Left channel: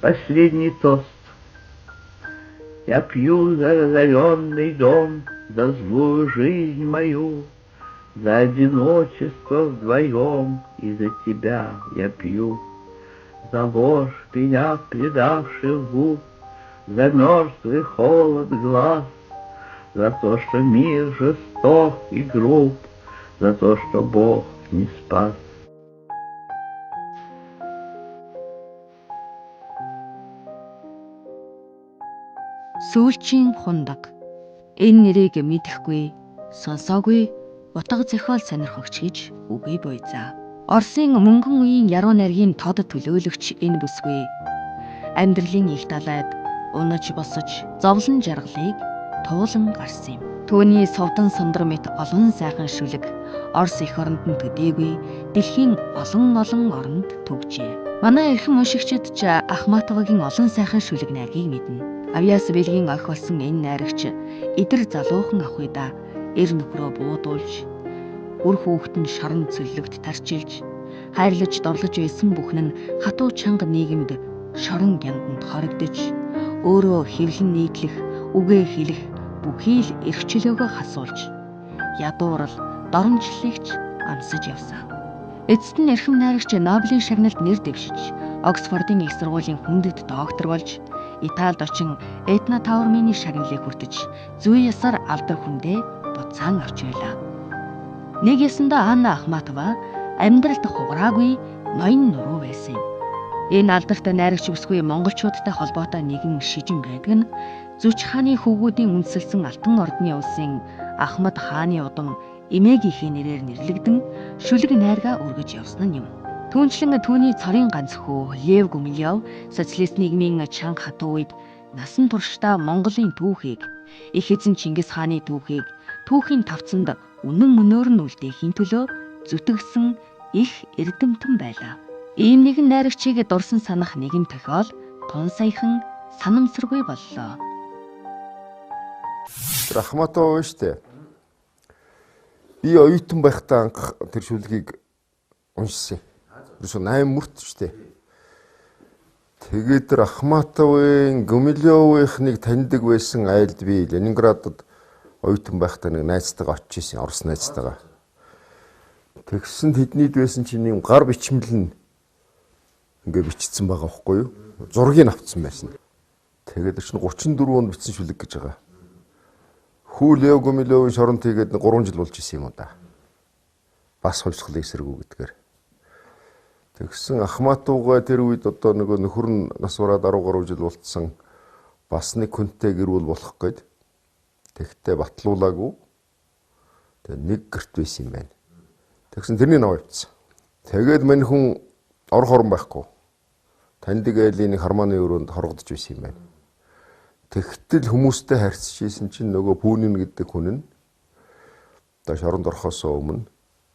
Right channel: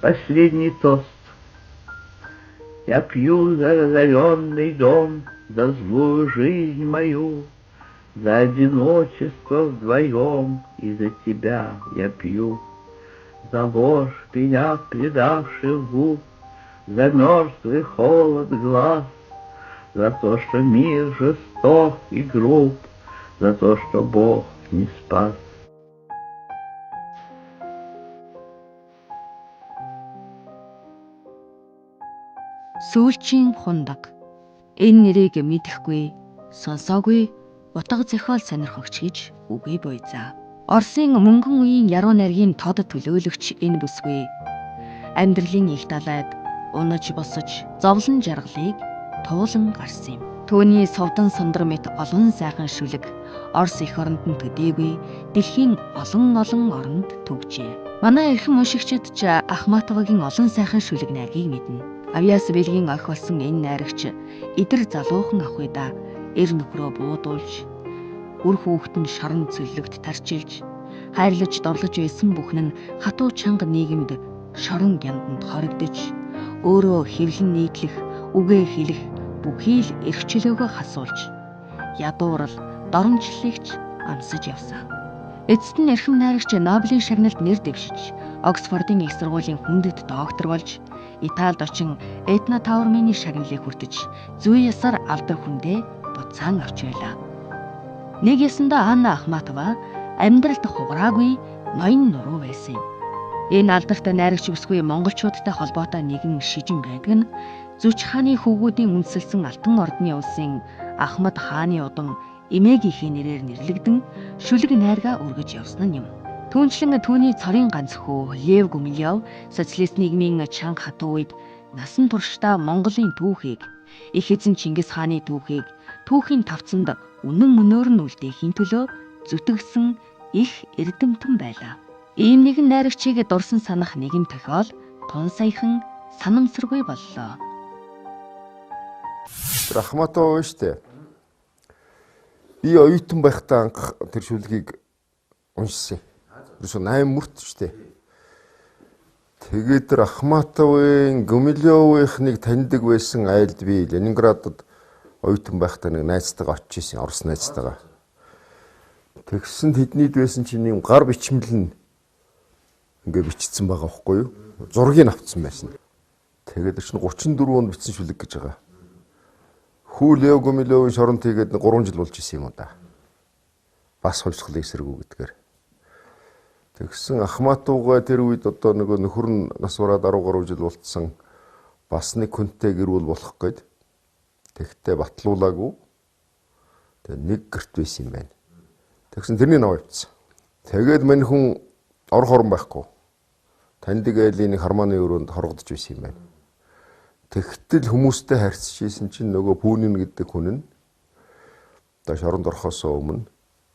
последний тост. Я пью за разоренный дом, за злую жизнь мою, за одиночество вдвоем, и за тебя я пью. За ложь меня предавших губ, за мертвый холод глаз, за то, что мир жесток и груб, за то, что Бог не спас. Сүүлчийн хундаг. Энэ нэрийг мэдэхгүй, сонсоогүй утга зохиол сонирхогч гэж үгүй буйзаа. Оросын мөнгөн үеийн яруу найргийн тод төлөөлөгч энэ бүсгүй амьдралын их далайд унаж босож зовлон жаргалыг туулан гарсан юм. Түүний совдан сандар мэт олон сайхан шүлэг Орос эх оронд нь төдийгүй дэлхийн олон оронд төгжээ. Манай эрхэм уншигчид ч Ахматовагийн олон сайхан шүлэг найргийг мэднэ. Авьяас бэлгийн охь болсон энэ найрагч эдэр залуухан ах уйда эр нөхрөө буудуулж, үр хүүхэд нь шорон цөллөгт тарчилж, хайрлаж дорлож байсан бүхэн нь хатуу чанга нийгэмд шорон гянданд хоригдож, өөрөө хэвлэн нийтлэх, үгээ хэлэх бүхий л эрх чөлөөгөө хасуулж, ядуурал, доромжллыгч амсаж явсан. Эцэст нь эрхэм найрагч Нобелийн шагналд нэр дэвшиж, Оксфордын их сургуулийн хүндэт доктор болж, Италид очин Этна Таурмины шагналыг хүртэж, зүй ясаар алдар хүндээ буцаан авч байлаа. Нэг ясандаа Анна Ахматова амьдралд хугараагүй ноён нуруу байсан юм. Энэ алдартай найрагч бүсгүй монголчуудтай холбоотой нэгэн шижин байдаг нь Зүч хааны хөвгүүдийн үндэслсэн Алтан ордны улсын Ахмад хааны удам эмээгийнхээ нэрээр нэрлэгдэн шүлэг найргаа өргөж явсан нь юм. Түүнчлэн түүний цорын ганц хүү Лев Гумилев социалист нийгмийн чанга хатуу үед насан туршдаа Монголын түүхийг, их эзэн Чингис хааны түүхийг түүхийн тавцанд үнэн мөнөөр нь үлдээхийн төлөө зүтгэсэн их эрдэмтэн байлаа. Ийм нэгэн найрагчийг дурсан санах нэгэн тохиол тун саяхан санамсаргүй боллоо. Ахматова штэ. Би оюутан байхдаа анх тэр шүлгийг уншсан. Ерөөсөө 8 мөрт штэ. Тэгээд тэр Ахматовын Гумилевынхныг таньдаг байсан айлд би Ленинградад оюутан байхдаа нэг найзтайгаа очиж ирсэн, Орос найзтайгаа. Тэгсэн тэднийд байсан чинь юм гар бичмэл нь ингээ бичсэн байгаа байхгүй юу? Зургийг авцсан байсан. Тэгээд чинь 34 онд бичсэн шүлэг гэж байгаа. Хүү Лев Гумилевын шоронд тэгээд 3 жил болж исэн юм уу да. Бас хувьсгалын эсэргүү гэдгээр. Тэгсэн Ахматовга тэр үед одоо нөгөө нөхөр нь нас бараад 10 гаруй жил болцсон. Бас нэг хүнтэй гэрүүл болох гээд. Тэгтээ батлуулаагүй. Тэгээ нэг гэрт байсан юм байна. Тэгсэн тэрний нав авчихсан. Тэгээд мань хүн орох орон байхгүй. Таньдаг айлын нэг хармааны өрөөнд хоргодож байсан юм байна. Тэгтэл хүмүүстэй харьцаж ийсэн чинь нөгөө Пүүнин гэдэг хүн нь одоо шоронд орохоос өмнө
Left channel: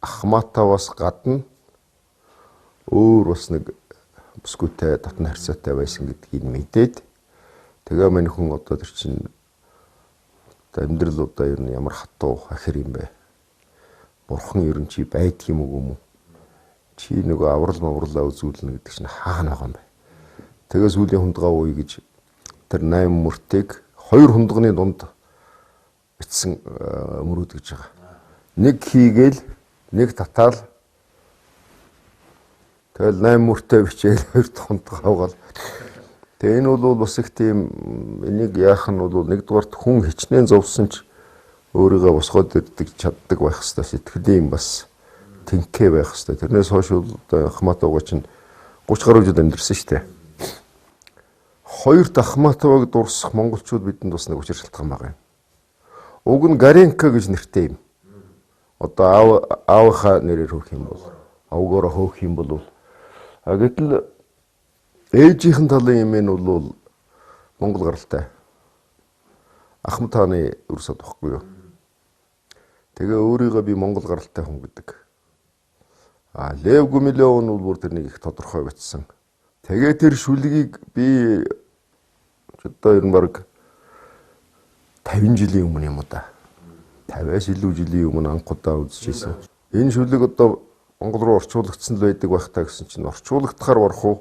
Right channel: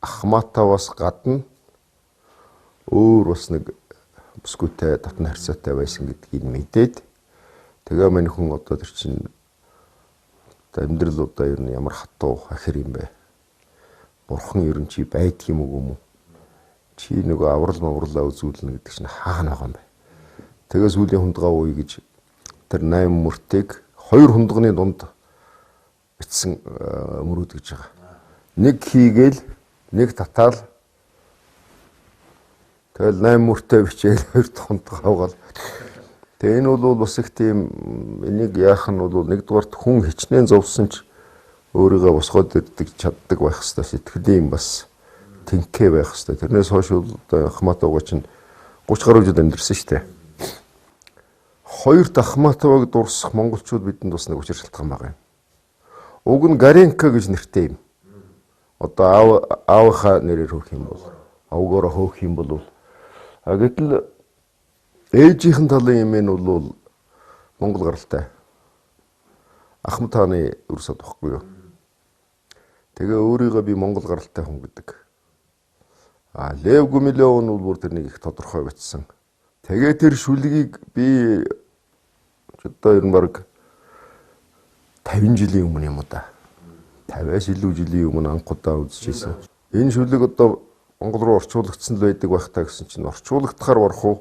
Ахматоваас гадна өөр бас нэг бүсгүйтэй татна харьцаатай байсан гэдгийг мэдээд тэгээ мань хүн одоо тэр чинь амьдрал удаа ер нь ямар хатуу ахир юм бэ? Бурхан ер нь чи байдаг юм уу? Чи нөгөө аврал маврлаа үзүүлнэ гэдэг чинь хаана байгаа юм бэ? Тэгээ сүүлийн хундгаа ууя гэж тэр 8 мөртийг 2 хундганы дунд бичсэн мөрөөд гэж байгаа. Нэг хийгээл, нэг татаал. Тэгэл 8 мөртөө бичээл 2 хундгаа авгаал. Тэгээ энэ бол бас их тийм энийг яах нь бол нэгдүгээрт хүн хичнээн зовсон ч өөрийгөө босгоод ирдэг чаддаг байх хэвээр сэтгэлийн бас тэнхээ байх хэвээр. Тэрнээс хойш бол Ахматовга чинь 30 гаруй жил амьдэрсэн шүү дээ. Хоёр Ахматовыг дурсах монголчууд бидэнд бас нэг учир шалтгаан байгаа юм. Уг нь Гаренко гэж нэртэй юм. Одоо аавынхаа нэрээр хөөх юм бол, авгаараа хөөх юм бол гэтэл ээжийнхэн талын юм нь бол Монгол гаралтай. Ахмад хааны өрсөд баггүй юу. Тэгээ өөрийгөө би Монгол гаралтай хүн гэдэг. Лев Гумилев нь бүр тэрнийг их тодорхой бичсэн. Тэгээ тэр шүлгийг би одоо ер нь баг 50 жилийн өмнө юм уу да. 50-аас илүү жилийн өмнө анх удаа үзчихсэн. Энэ шүлэг одоо Монгол руу орчуулагдсан л байдаг байх таа гэсэн чинь орчуулагдахаар барах уу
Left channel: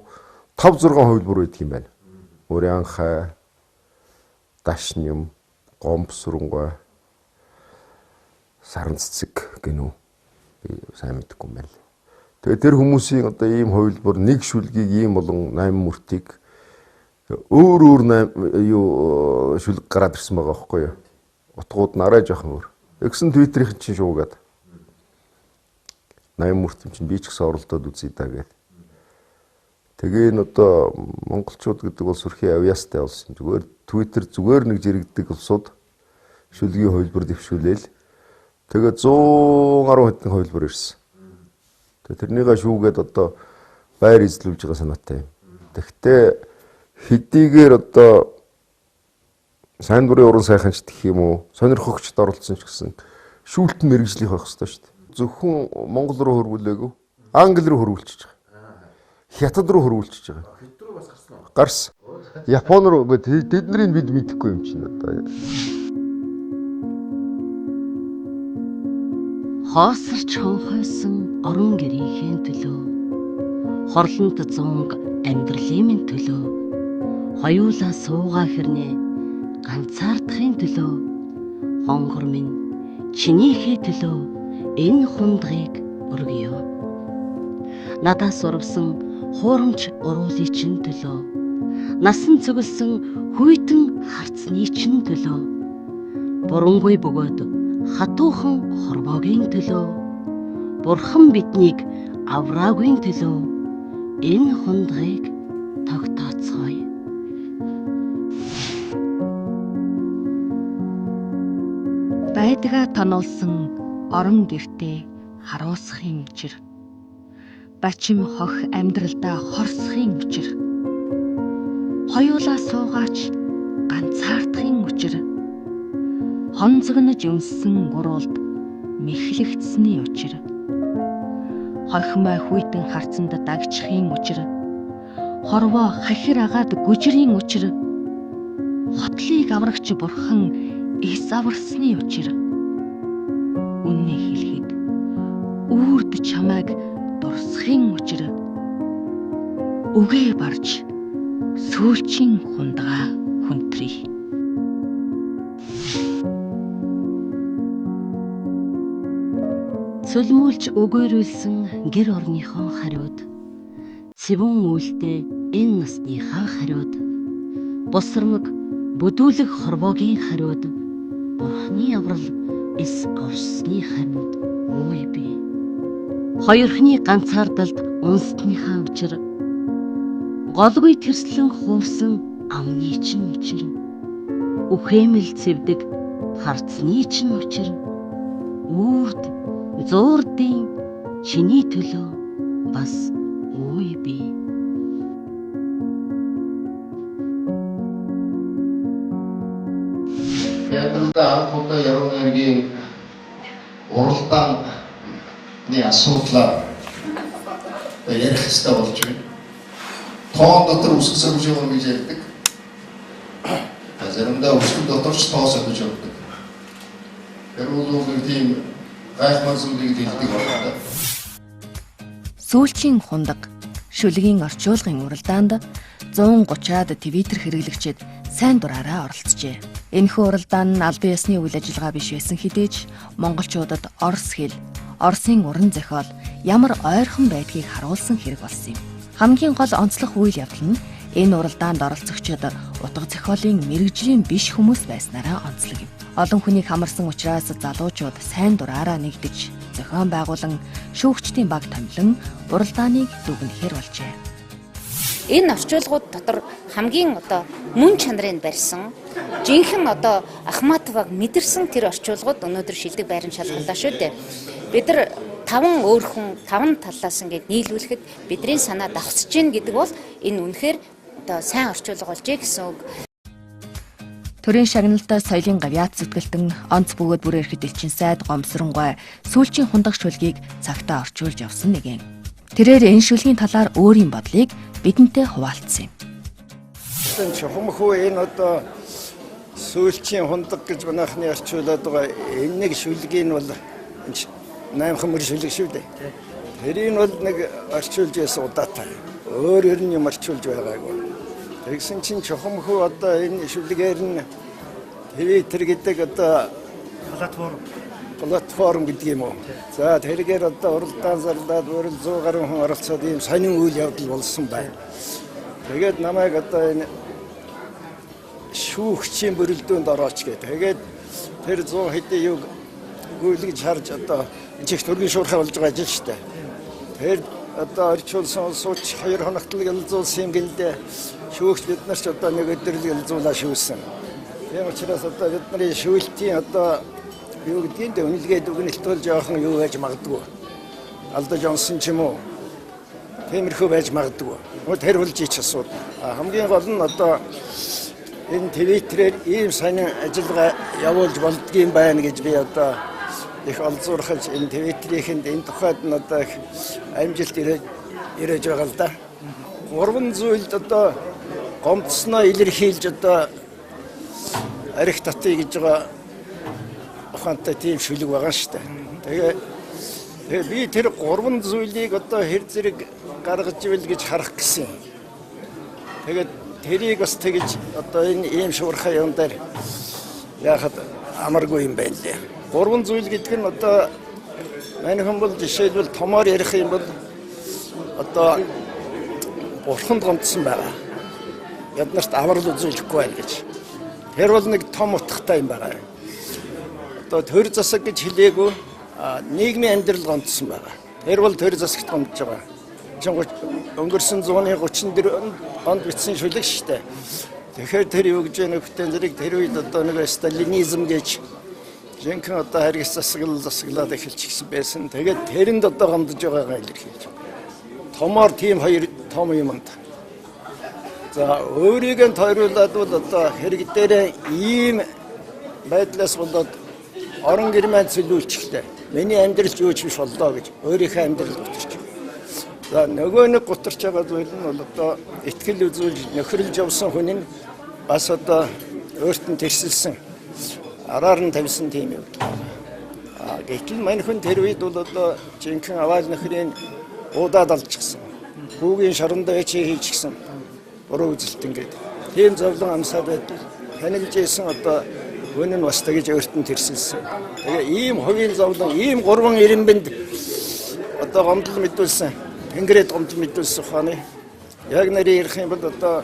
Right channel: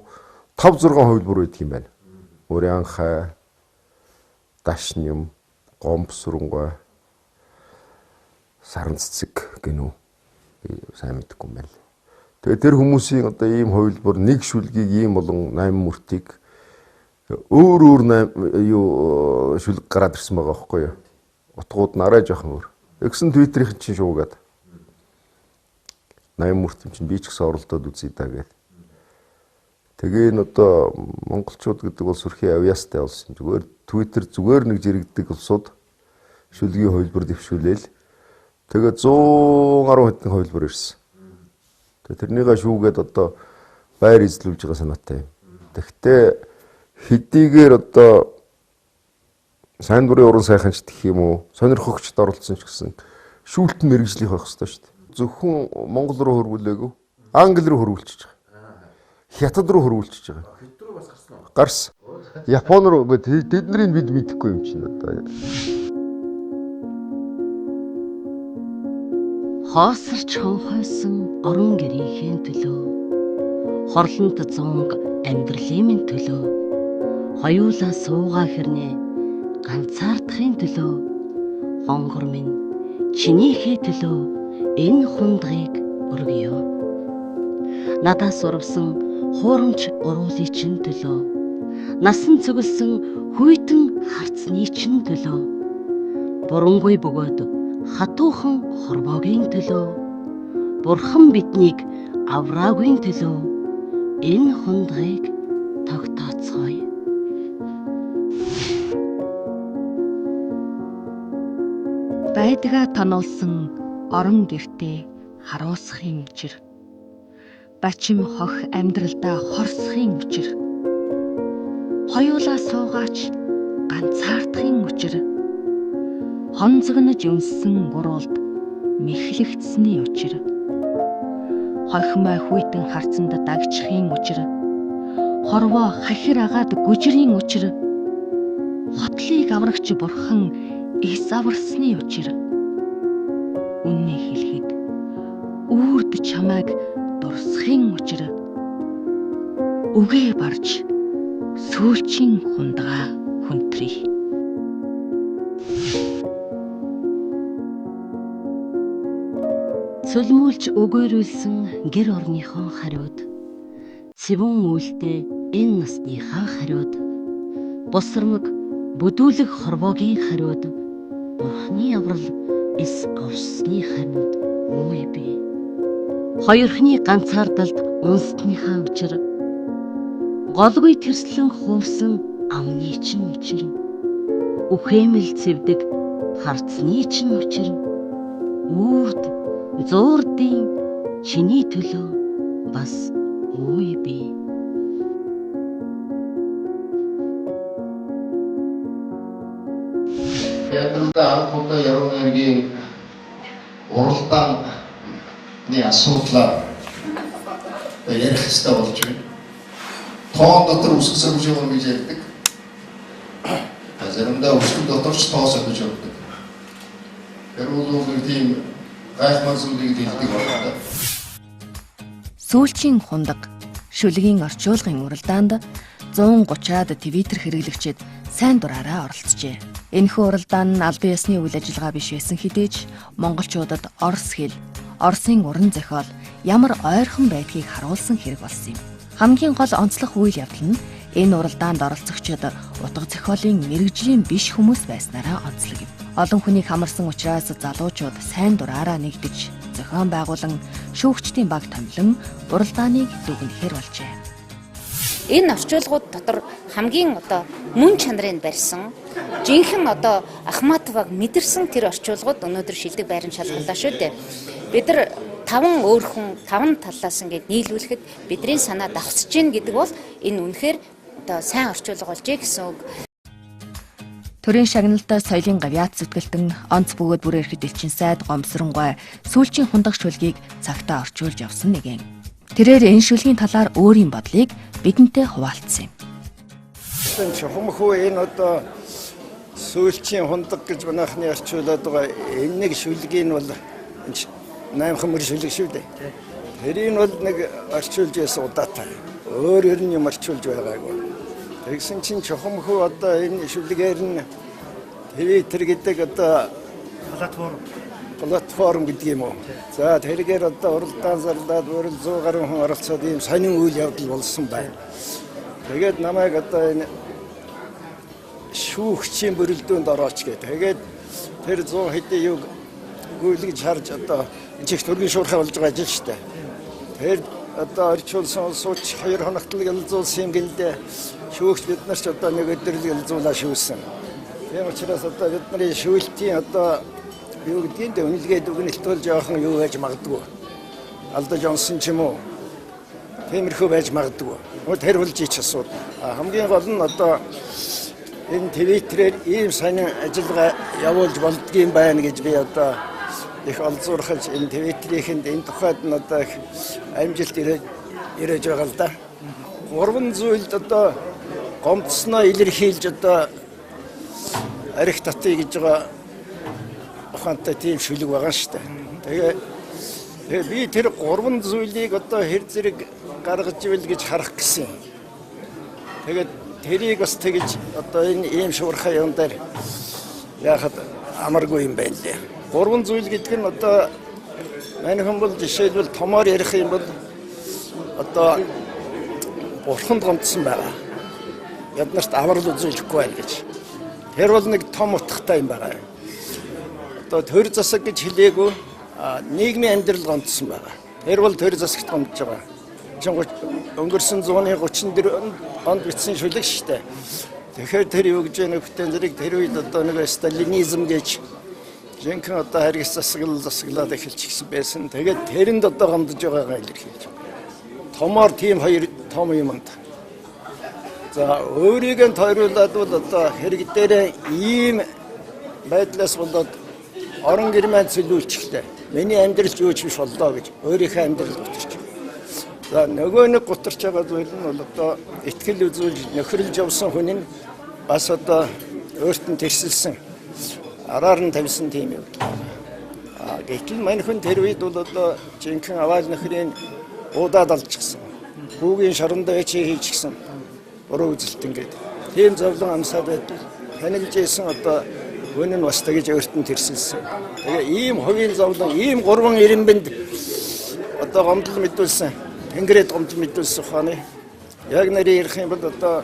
5-6 хувилбар байдаг юм байна. Урянхай, Дашням, Гомбсурнгой, Саранцэцэг гэнүү би сайн мэдэхгүй юм байна. Тэгээд тэр хүмүүсийн одоо ийм хувилбар нэг шүлгийг ийм болон 8 мөртийг өөр шүлэг гараад ирсэн байгаа байхгүй юу? Утгууд нь арай жоохон өөр. Тэгсэн Твиттерийн чинь шуугаад 8 мөрт юм чинь би ч гэсэн оролдоод үзье даа гэдэг. Тэгээ н одоо монголчууд гэдэг бол сүрхий авьяастай болсон. Зүгээр Твиттер зүгээр нэг жирэгдэг улсууд шүлгийн хувилбар дэвшүүлээл. Тэгээ 110 хэдэн хувилбар ирсэн. Тэгээ тэрнийгээ шүүгээд одоо байр эзлүүлж байгаа санаатай юм. Тэгтээ хэдийгээр одоо сайн дурын уран сайханч гэх юм уу, сонирхогчд оролцсон ч гэсэн шүүлтэн мэрэгжлийнх байх хэрэгтэй шүү дээ. Зөвхөн Монгол руу хөрвүүлээгүй, Англи руу хөрвүүлчихэж байгаа. Хятад руу хөрвүүлчихэж байгаа. Хэд рүү бас гарсан уу? Гарсан. Япон руу тэднийг бид мэдэхгүй юм чинь одоо. Хоосорч хонхойсон орон гэрийнхээ төлөө, хорлонт зунг амьдралын төлөө, хоёулаа суугаа хэрнээ ганцаардахын төлөө, хонгор минь чинийхээ төлөө энэ хундгийг өргөё. Надаас урвсан хуурамч уруулын чин төлөө, насан цогөлсөн хүйтэн харцны чин төлөө, бурангүй бөгөөд хатуухан хорвоогийн төлөө, бурхан биднийг авраагүй төлөө энэ хундгийг тогтооцгоё. Байдгаа тоноолсон орон гэртээ харуулсахын учир, бачим хох амьдралдаа хорсохын учир, хоёулаа суугаач ганцаардахын учир, хонцогнож өнссөн гурвалд мэхлэгдсэний учир, хохимой хүйтэн харцанд дагчихын учир, хорвоо хахир агаад гүжрийн учир, хотлыг аврагч бурхан эс аварсны учир, үнний хэлэхэд үрд чамайг дурсахын учир, үгээ барж сүүлчийн хундгаа хүндрий. Сүлмүүлж өгөөрүүлсэн гэр орныхон хариуд, цэвэн үйлдэ энэ насныхаа хариуд, босромог бүдүүлэг хорвоогийн хариуд, бурхны аврал эс авсны хариуд үй би. Хоёрхны ганцаардалд унсныхаа учир, голгүй тэрслэн хуурсан амны чин учир, үхэмэл цэвдэг харцны чин учир, үрд зуурдын чиний төлөө бас үй би. Ядалда хамтдаа яруу найргийн уралдааны асуудлаар ярих хэрэгтэй болж байна. Тоон дотор үсэг сөрөж явах гэж ярьдаг. Заримдаа үсэг дотор ч тоо сөрөж явдаг. Яруу нэг тийм гайхмар зүйлийг хэлдэг байна. Сүүлчийн хундаг шүлгийн орчуулгын уралдаанд 130-аад Твиттер хэрэглэгчид сайн дураараа оролцжээ. Энэхүү уралдаан нь албан ёсны үйл ажиллагаа биш байсан хэдий ч монголчуудад орос хэл, Оросын уран зохиол ямар ойрхон байдгийг харуулсан хэрэг болсон юм. Хамгийн гол онцлог үйл явдал нь энэ уралдаанд оролцогчид утга зохиолын мэрэгжлийн биш хүмүүс байснараа онцлог юм. Олон хүнийг хамарсан учраас залуучууд сайн дураараа нэгдэж, зохион байгуулан шүүгчдийн баг томилон уралдааныг дүгнэхээр болжээ. Энэ орчуулгууд дотор хамгийн мөн чанарыг барьсан, жинхэнэ Ахматоваг мэдэрсэн тэр орчуулгууд өнөөдөр шилдэг байран шалгалтаа шүү дээ. Бид нар 5 өөр хүн 5 талаас ингээд нийлүүлэхэд бидний санаа давхсаж гин гэдэг бол энэ үнэхээр сайн орчуулга болжээ гэсэн үг. Төрийн шагналтай соёлын гавьяат зүтгэлтэн онц бөгөөд бүр ирэхэд элчин сайд гомсронгой сүүлчийн хундаг шүлгийг цагтаа орчуулж явсан нэгэн. Тэрээр энэ шүлгийн талаар өөрийн бодлыг бидэнтэй хуваалцсан юм. Энэ чухамхүү энэ сүүлчийн хундаг гэж манайхны орчуулад байгаа энэ нэг шүлгийг бол 8 мөр шүлэг шүү дээ. Тэрийг бол нэг орчуулж байсан удаатай. Өөр юм орчуулж байгаагүй. Тэгсэн чинь чухамхүү одоо энэ шүлгээр нь Twitter гэдэг одоо платформ гэдэг юм уу. За тэргээр одоо уралдаан зарлаад өөрөөр 100 гаруй хүн оролцоод ийм сонин үйл явдал болсон байна. Тэгээд намайг одоо энэ шүүгчийн бүрэлдээнд орооч гэдэг. Тэгээд тэр 100 хэдийн юг гүйлгэж харж одоо энэ чих төргийн шуурхай болж байгаа ажил шүү дээ. Тэр одоо орчуулсан сууч 2 хоногт л ялзуулсан юм гэлдэ. Шүүгч бид нар ч одоо нэг өдөр л ялзуулаа шүүсэн. Тийм учраас одоо бидний шүүлтийн одоо юу гэдгийг үнэлгээд үгнэлтүүл жоохон юу байж магадгүй. Алдаж онсон ч юм уу. Тиймэрхүү байж магадгүй. Тэр болж ич асуудал. Хамгийн гол нь одоо энэ Твиттерээр ийм сонин ажиллагаа явуулж болдгийм байна гэж би одоо их олзуурхаж энэ Твиттерийнхэнд энэ тухайд нь одоо их амжилт ирэж байгаа л да. 3 зүйлд одоо гомдсноо илэрхийлж одоо арих татъя гэж байгаа ухаантай тийм шүлэг байгаа шүү дээ. Тэгээ би тэр 3 зүйлийг одоо хэр зэрэг гаргаж ивэл гэж харах гэсэн. Тэгээд тэрийг бас тэгж одоо энэ ийм шуурхай юм дээр яхад амаргүй юм байна лээ. 3 зүйл гэдэг нь одоо манайхан бол жишээлбэл томоор ярих юм бол одоо бурханд гомдсон байгаа. Яднарт аврал үзүүлэхгүй байл гэж. Тэр бол нэг том утгатай юм байгаа. Одоо төр засаг гэж хэлээгүй нийгмийн амьдрал гомдсон байгаа. Тэр бол төр засагт гомдож байгаа. Өнгөрсөн 134 онд бичсэн шүлэг шүү дээ. Тэгэхээр тэр юу гэж нөхөтэн зэрэг тэр үед одоо нэг сталинизм гэж жинхэнэ одоо харгас засаглаад эхэлчихсэн байсан. Тэгээд тэрэнд одоо гомдож байгаагаа илэрхийлж. Томоор тийм 2 том юмд. За өөрийг нь тойруулаад бол одоо хэрэг дээр ийм байдлаас болоод орон гэрмэнд цэлүүлчихлээ. Миний амьдрал юу ч биш боллоо гэж өөрийнхөө амьдрал утарч. За нөгөө нэг гутарч байгаа зүйл нь бол одоо итгэл үзүүлж нөхөрлж явсан хүн нь бас одоо өөрт нь тэрсэлсэн араар нь тавьсан тийм юм. Гэтэл мань хүн тэр үед бол одоо жинхэнэ аваал нөхрийн уудаад алчихсан. Хүүгийн шорондоо эчээ хийчихсэн. Буруу үзэлт ингээд. Тийм зовлон амсаад байдал танилж ийсэн одоо хүн нь бас тэгж өөрт нь тэрсэлсэн. Тэгээ ийм хувийн зовлон, ийм 3 ирэмбэнд одоо гомдол мэдүүлсэн. Тэнгэрээд гомдол мэдүүлсэн ухааны. Яг нарийн ярих юм бол одоо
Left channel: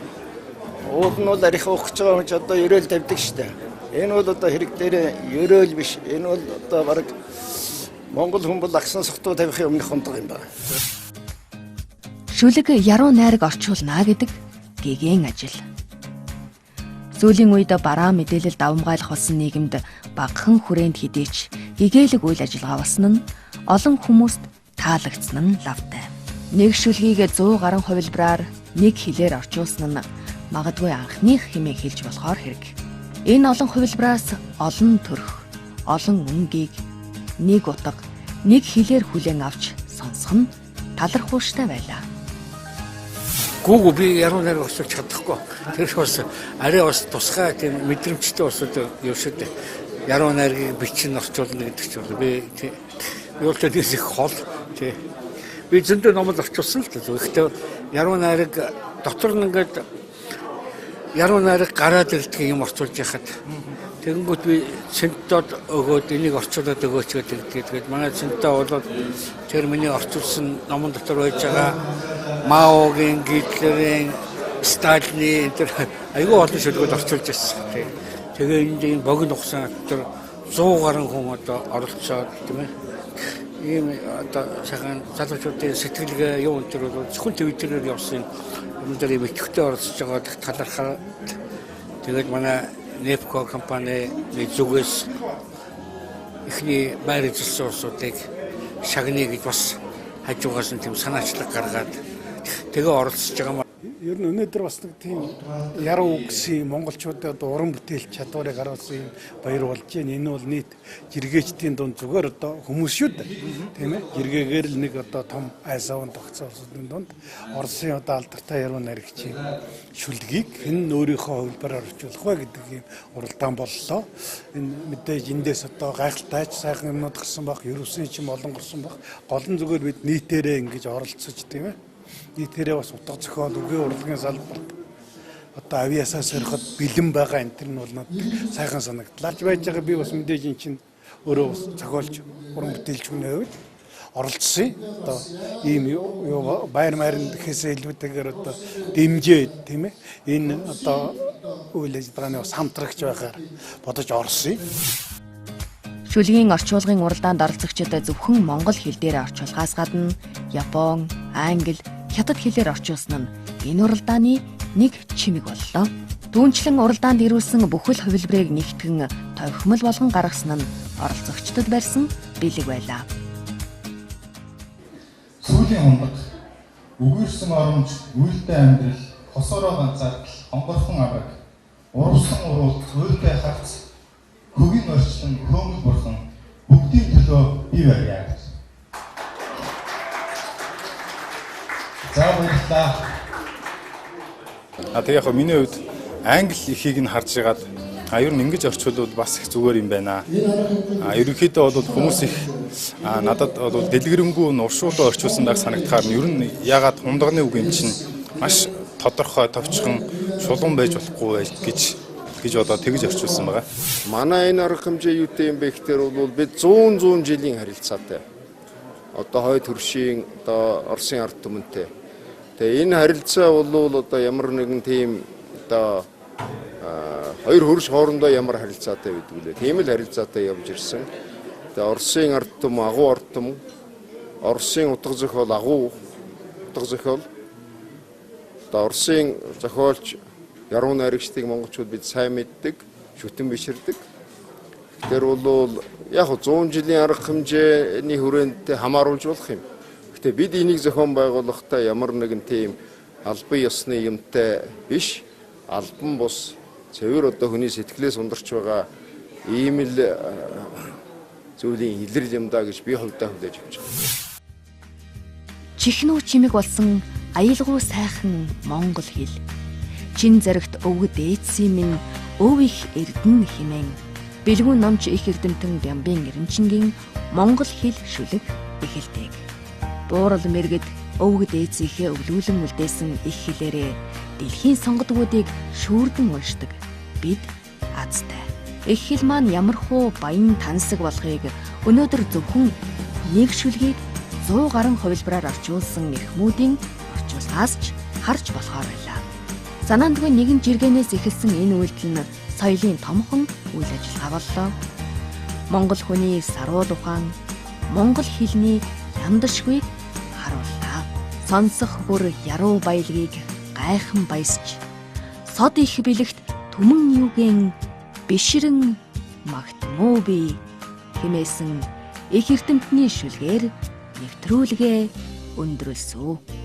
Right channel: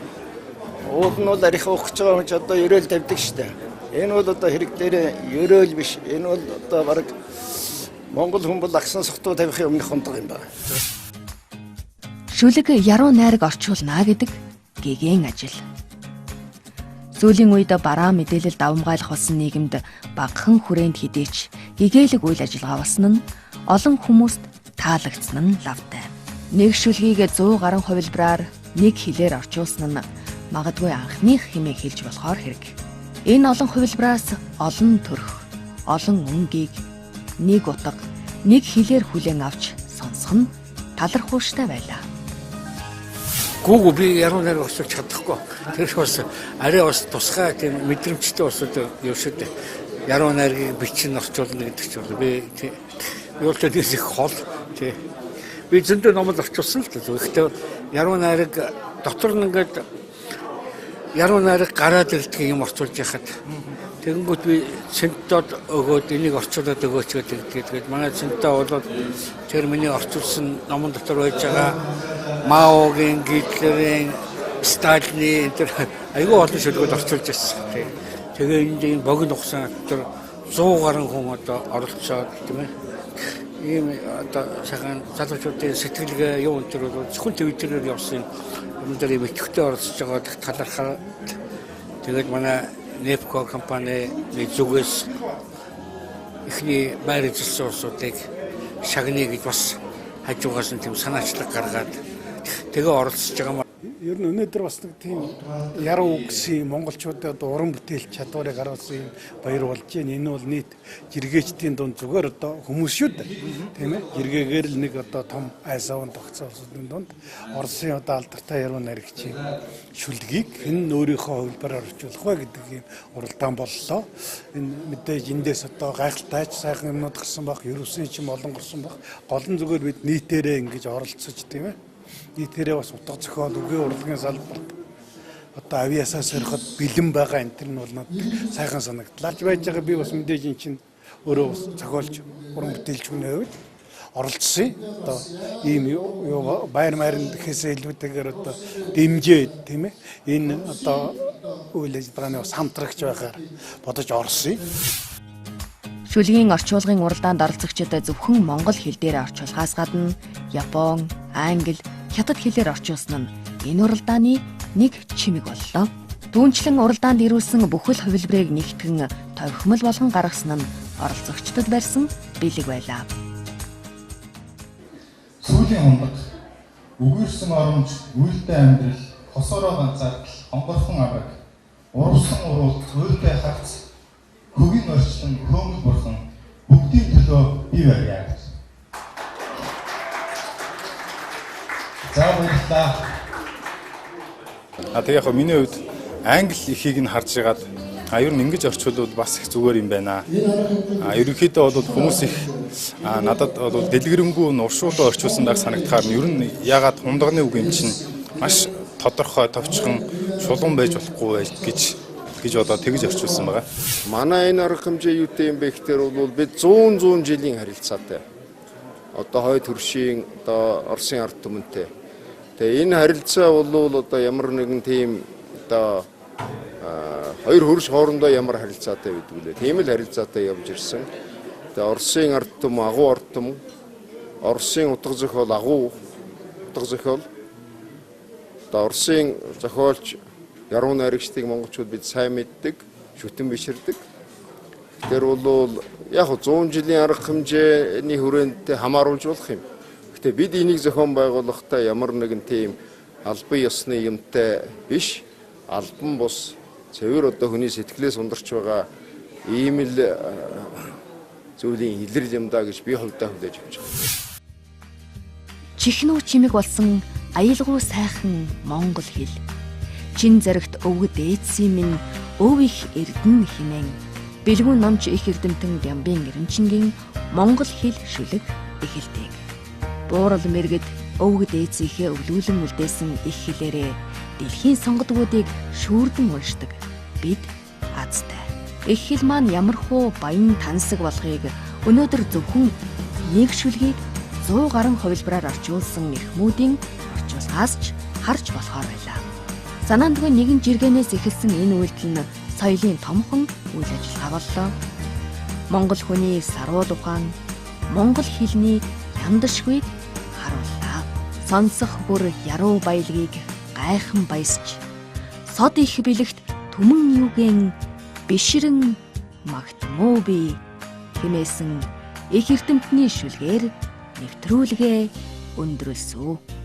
ууд нь бол арих уух гэж байгаа хүн ч одоо ерөөл тавьдаг штэ. Энэ бол одоо хэрэг дээр ерөөл биш. Энэ бол одоо баг Монгол хүн бол агсан сохтуу тавихын өмнөх хондог юм байна. Шүлэг яруу найраг орчуулна гэдэг гэгээн ажил. Сүүлийн үед бараа мэдээлэл давмгайлах болсон нийгэмд багахан хүрээнд хідээч гэгээлэг үйл ажиллагаа болсон нь олон хүмүүст таалагдсан нь лавтай. Нэг шүлгийг 100 гаруй хувилбараар нэг хэлээр орчуулсан нь магадгүй анхных хэмээн хэлж болохоор хэрэг. Энэ олон хувилбараас олон төрх, олон үнгийг нэг утга, нэг хэлээр хүлээн авч сонсох нь талархууштай байлаа. Гүүг би яруу найраг орчуулж чадахгүй. Тэр бас арай бас тусгай тийм мэдрэмжтэй бас юу шүү дээ. Яруу найргийг бичин орчуулна гэдэг чинь би юу ч тийм их хол тий. Би зөндөө номол орчуулсан л дээ. Гэхдээ яруу найраг дотор нь ингээд яруу найраг гараад ирдэг юм орчуулж яхад тэгэнгүүт би центод өгөөд энийг орчуулад өгөөч гэдэг. Тэгээд манай центод болоод тэр миний орчуулсан номон дотор байж байгаа Маогийн, Гитлерийн, Сталины тэр айгүй олон шүлгүүд орчуулж ирсэн. Тэгээ энэ богино хугацаанд тэр 100 гаруй хүн одоо оролцоод тийм ээ. Ийм одоо сайхан залуучуудын сэтгэлгээ юу энэ бол зөвхөн Твиттерээр явсан юм дээр мэдхтэй оролцож байгаа талархаад тэгээд манай Nepco компани зүгээс ихний байр эзэлсэн улсуудыг шагныг гэж бас хажуугаас нь тийм санаачлаг гаргаад тэгээ оролцож байгаа юм. Ер нь өнөөдөр бас нэг тийм яруу үгсийн монголчуудад уран бүтээл чадварыг харуулсан юм баяр болж байна. Энэ бол нийт жиргээчдийн дунд зүгээр одоо хүмүүс шүү дээ. Тийм ээ. Жиргээгээр л нэг одоо том айсаван тогтцоолсны дунд Оросын одоо алдартай яруу найрагчийн шүлгийг хэн өөрийнхөө хувилбараар орчуулах вэ гэдэг юм уралдаан боллоо. Энэ мэдээж эндээс одоо гайхалтайч сайхан юмнууд гарсан баг, ерөөсөн ч юм олон гарсан баг. Гол нь зүгээр бид нийтээрээ ингэж оролцож тийм ээ. Нийтээрээ бас утга зохиол, үгийн урлагийн салбарт одоо авиасаа сориход бэлэн байгаа энэ нь бол надад сайхан санагдлаа. Байж байгаа би бас мэдээж эн чинь өөрөө бас зохиолч уран бүтээлч хүний хувьд оролцсон. Одоо ийм юу баяр майрн гэхээсээ илүүтэйгээр одоо дэмжээд тийм ээ энэ одоо үйл ажиллагааны бас хамтрагч байгаар бодож орсон. Шүлгийн орчуулгын уралдаанд оролцогчид зөвхөн монгол хэл дээр орчуулгаас гадна Япон, Англи, Хятад хэлээр орчуулсан нь энэ уралдааны нэг чимэг боллоо. Түүнчлэн уралдаанд ирүүлсэн бүхэл хувилбарыг нэгтгэн товхимол болгон гаргасан нь оролцогчдод барьсан бэлэг байлаа. Сүүлийн хундаг, өгөөрсөн оромж, үйлдэл амьдрал, хосороо ганцаардал, хонгорхон авраг, урвсан уруулт, уйлдэ харц, хөгийн орчлон, хөөмөл бурхан бүгдийн төлөө бий барья. За баярлалаа. Тэгээ яг миний хувьд англи эхийг нь харж байгаад ер нь ингэж орчуулбал бас их зүгээр юм байна. Ерөнхийдөө бол хүмүүс их надад бол дэлгэрэнгүй уршуулаа орчуулсан байх санагдахаар нь ер нь ягаад хундагны үг юм чинь маш тодорхой товчхон шулуун байж болохгүй гэж бодоод тэгж орчуулсан байгаа. Манай энэ арга хэмжээ юутэй юм бэ гэхээр бол бид 100 жилийн харилцаатай. Одоо хойд хөршийн одоо Оросын ард түмэнтэй. Тэгээ энэ харилцаа бол одоо ямар нэгэн тийм одоо хоёр хөрш хоорондоо ямар харилцаатай байдаг вэ? Тийм л харилцаатай явж ирсэн. Тэгээ Оросын ард түмэн, агуу ард түмэн, Оросын утга зохиол, агуу утга зохиол. Одоо Оросын зохиолч яруу найрагчдыг монголчууд бид сайн мэддэг, шүтэн биширдэг. Тэр бол яг 100 жилийн арга хэмжээний хүрээнд хамааруулж болох юм. Гэтэ бид энийг зохион байгуулахдаа ямар нэгэн тийм албан ёсны юмтай биш, албан бус цэвэр одоо хүний сэтгэлээс ундарч байгаа ийм л зүйлийн илрэл юм да гэж би хувьдаа хүлээж авч байна. Чихнүү чимэг болсон аялгау сайхан монгол хэл. Чин зэрэгт өвгд ээдсийн минь өв их эрдэн химэн. Бэлгүүн номч их эрдэмтэн Бямбын Эренчингийн монгол хэл шүлэг эхэлдэг. Буурал мэргэд өвгд ээдсийнхээ өвлүүлэн үлдээсэн их хэлээрээ дэлхийн сонгодгуудыг шүүрдэн уншдаг бид азтай. Их хэл маань ямархуу баян тансаг болохыг өнөөдөр зөвхөн нэг шүлгийг 100 гаруй хувилбараар орчуулсан эрхмүүдийн орчуулгаас ч харж болохоор байлаа. Санаандгүй нэгэн жиргэнээс эхэлсэн энэ үйлдэл нь соёлын томхон үйл ажиллагаа боллоо. Монгол хүний саруу ухаан, монгол хэлний яндашгүйг харууллаа. Сонсох бүр яруу баялагийг гайхан баясч, сод их бэлэгт түмэн юугэн бишрэн магтмуу би хэмээсэн их эрдэмтний шүлгээр нэвтрүүлгээ өндөрлсөө.